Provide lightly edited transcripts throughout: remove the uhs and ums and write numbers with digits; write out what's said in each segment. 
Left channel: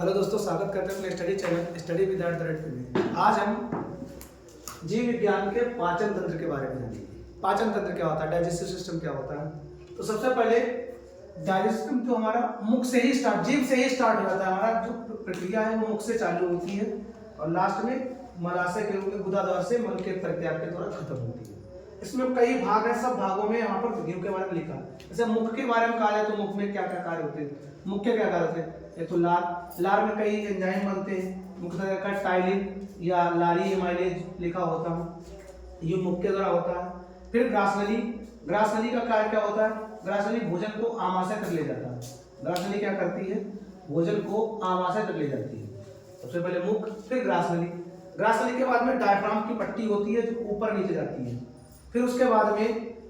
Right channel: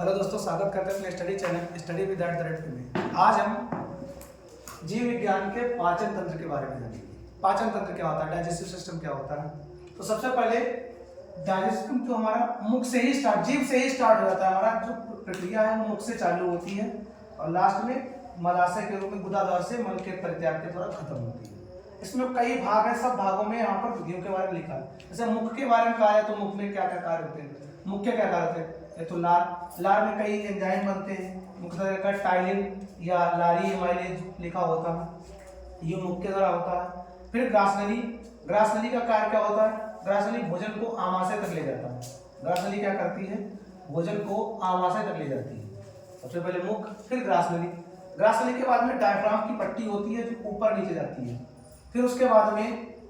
Hello दोस्तों, स्वागत करते हैं अपने स्टडी चैनल स्टडी विद @. में। आज हम जीव विज्ञान के पाचन तंत्र के बारे में जानेंगे। पाचन तंत्र क्या होता है, डाइजेस्टिव सिस्टम क्या होता है। तो सबसे पहले डाइजेस्टिव जो हमारा मुख से ही स्टार्ट, जीव से ही स्टार्ट हो जाता है। हमारा जो प्रक्रिया है वो मुख से चालू होती है और लास्ट में मलाशय के रूप में गुदाद्वार से मल के परित्याग के द्वारा खत्म होती है। इसमें कई भाग हैं, सब भागों में यहाँ पर जीव के बारे में लिखा है। जैसे मुख के बारे में कहा जाए तो मुख में क्या क्या कार्य होते हैं, मुख के क्या कार्य होते हैं। ये तो लार में कई एंजाइम बनते हैं, मुख्यतः का टाइलिन या लारी एमाइलेज लिखा होता है, ये मुख के द्वारा होता है। फिर ग्रासनली, ग्रासनली का कार्य क्या होता है। ग्रासनली भोजन को आमाशय तक ले जाता है। ग्रासनली क्या करती है, भोजन को आमाशय तक ले जाती है। सबसे पहले मुख, फिर ग्रासनली। ग्रासनली के बाद में डायफ्राम की पट्टी होती है जो ऊपर नीचे जाती है। फिर उसके बाद में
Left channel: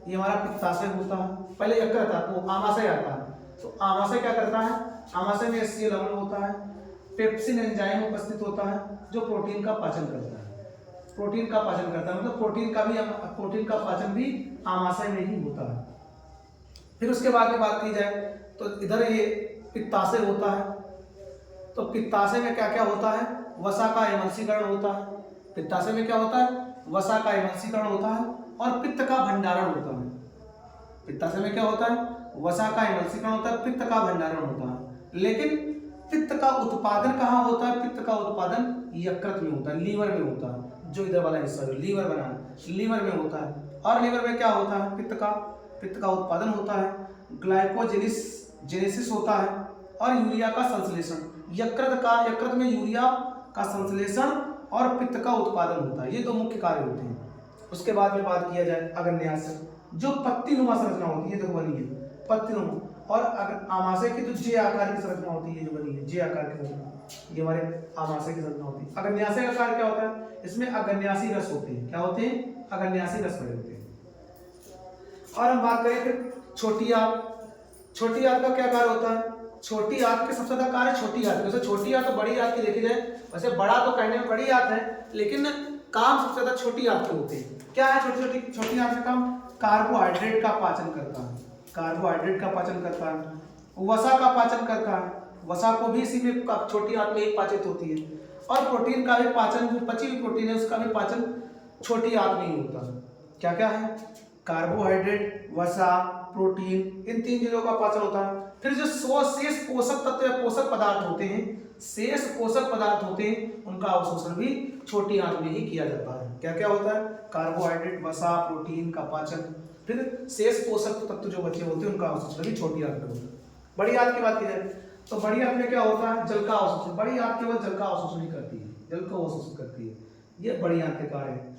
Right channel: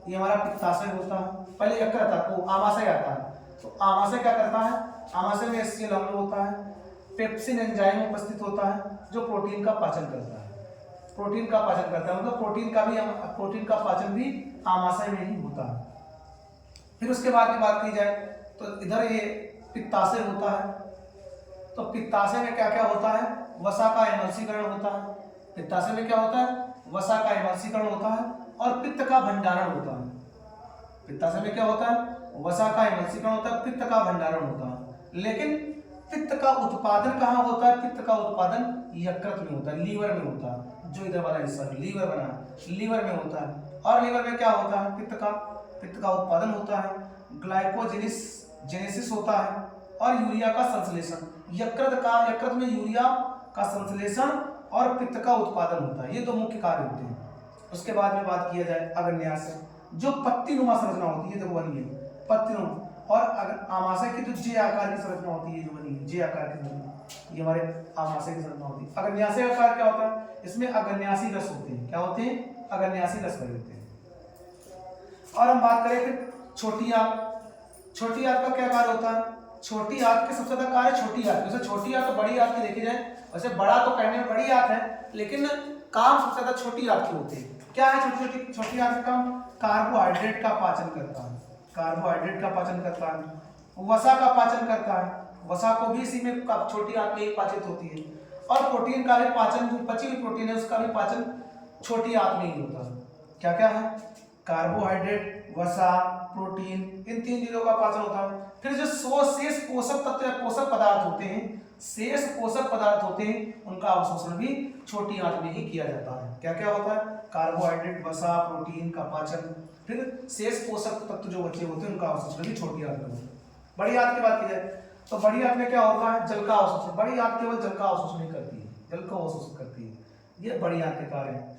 ये हमारा पित्ताशय होता है। पहले यकृत आता है, आमाशय आता है। तो आमाशय क्या करता है, आमाशय में HCl अम्ल होता है। पेप्सिन एंजाइम उपस्थित होता है जो प्रोटीन का पाचन करता है। प्रोटीन का पाचन करता है मतलब प्रोटीन का पाचन भी आमाशय में ही होता है। फिर उसके बाद में बात की जाए तो इधर ये पित्ताशय होता है। तो पित्ताशय में क्या क्या होता है, वसा का एमल्सीकरण होता है। पित्ताशय में क्या होता है, वसा का एमल्सीकरण होता है और पित्त का भंडारण होता है। पित्ताशय में क्या होता है, वसा का एमल्सीकरण होता है, पित्त का भंडारण होता है। लेकिन पित्त का उत्पादन कहाँ होता है, पित्त का उत्पादन यकृत में होता है, लीवर में होता है। जो इधर वाला हिस्सा है लीवर बना है, लीवर में होता है। और लीवर में क्या होता है, पित्त का उत्पादन होता है, ग्लाइकोजेनेसिस होता है और यूरिया का संश्लेषण। यकृत में यूरिया का संश्लेषण और पित्त का उत्पादन होता है। ये दो मुख्य कार्य होते हैं। उसके बाद में बात किया जाए अग्न्याशय, जो पत्तीनुमा संरचना होती है, देखो बनी है पत्तीनुमा। और अगर आमाशय की तो जे आकार की संरचना होती है, जो बनी है जे आकार की संरचना, ये हमारे आमाशय की संरचना होती है। अग्न्याशय का कार्य क्या होता है, इसमें अग्न्यासी रस होते हैं। क्या होते हैं, अग्न्यासी रस भरे होते हैं। और हम बात करें फिर छोटी आंत। छोटी आंत का क्या कार्य होता है, छोटी आंत के सबसे ज्यादा कार्य छोटी आंत। जैसे छोटी आंत तो बड़ी आंत की देखी जाए, वैसे बड़ा तो कहने में बड़ी आंत है, लेकिन काम सबसे ज्यादा छोटी आंत के होते हैं। क्या है छोटी आंत का काम, कार्बोहाइड्रेट का पाचन करता है। कार्बोहाइड्रेट का पाचन करता है, वसा का पाचन करता है। वसा को भी इसी में छोटी आंत में ही पाचित होती है। और प्रोटीन का भी पाचन, जो बची हुई प्रोटीन है उसका भी पाचन छोटी आंत में ही होता है। क्या क्या है, कार्बोहाइड्रेट, वसा, प्रोटीन, इन तीन चीजों का पाचन होता है। फिर जो शेष पोषक तत्व या पोषक पदार्थ होते हैं, शेष पोषक पदार्थ होते हैं, उनका अवशोषण भी छोटी आंत में ही किया जाता है। क्या क्या होता है, कार्बोहाइड्रेट, वसा, प्रोटीन का पाचन, फिर शेष पोषक तत्व जो बचे होते हैं उनका अवशोषण भी छोटी आंत में होता है। बड़ी आंत की बात की जाए तो बड़ी आंत में क्या होता है, जल का अवशोषण। बड़ी आंत केवल जल का अवशोषण ही करती है, जल को अवशोषण करती है। ये बड़ी आंत के कार्य है।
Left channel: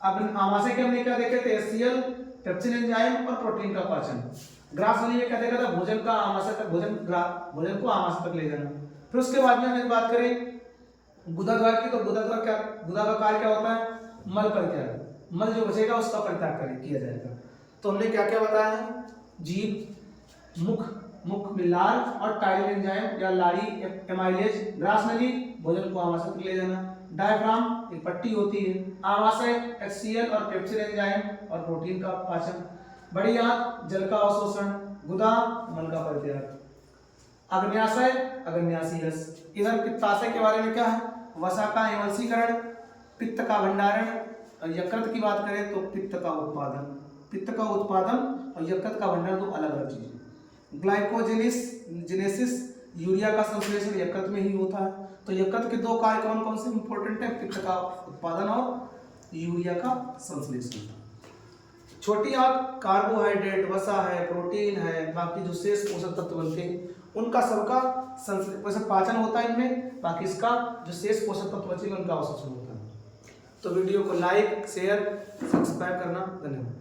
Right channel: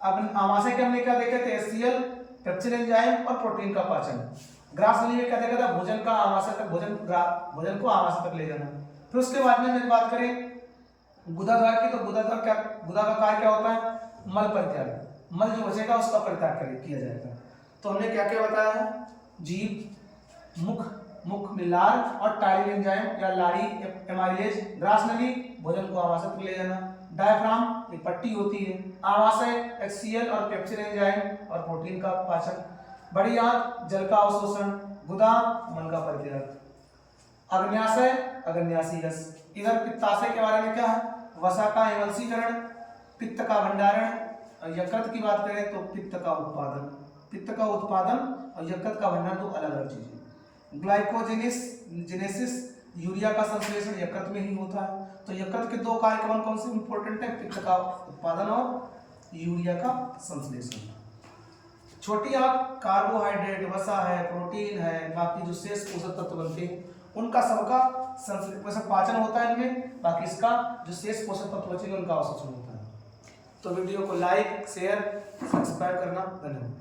अब आमाशय के हमने क्या देखे थे, HCl, पेप्सिन एंजाइम और प्रोटीन का पाचन। ग्रासनली में क्या देखा था, भोजन का आमाशय तक, भोजन को आमाशय तक ले जाना। फिर उसके बाद में हम बात करें गुदाद्वार की, तो गुदा का कार्य क्या होता है, मल परित्याग। मल जो बचेगा उसका परित्याग किया जाएगा। तो हमने क्या क्या बताया, जीभ, मुख में लार और टाइलिन एंजाइम या लारी एमाइलेज। ग्रासनली भोजन को आमाशय तक ले जाना। डायफ्राम एक पट्टी होती है। आमाशय HCl और पेप्सिन एंजाइम और प्रोटीन का पाचन। बड़ी आंत जल का अवशोषण, गुदा मल का परित्याग। अग्न्याशय अग्न्यासी रस। इधर पित्ताशय के बारे में क्या है, वसा का एमल्सीकरण, पित्त का भंडारण। और यकृत की बात करें तो पित्त का उत्पादन और यकृत का भंडारण दो अलग अलग चीजें। ग्लाइकोजेनेसिस, यूरिया का संश्लेषण यकृत में ही होता है। तो यकृत के दो कार्य कौन कौन से इंपॉर्टेंट है, पित्त का उत्पादन और यूरिया का संश्लेषण। छोटी आंत कार्बोहाइड्रेट, वसा है, प्रोटीन है, बाकी जो शेष पोषक तत्व बनते हैं उनका सबका पाचन होता है इनमें। बाकी इसका जो शेष पोषक तत्व बचेंगे उनका अवशोषण होता है। तो वीडियो को लाइक, शेयर, सब्सक्राइब करना। धन्यवाद।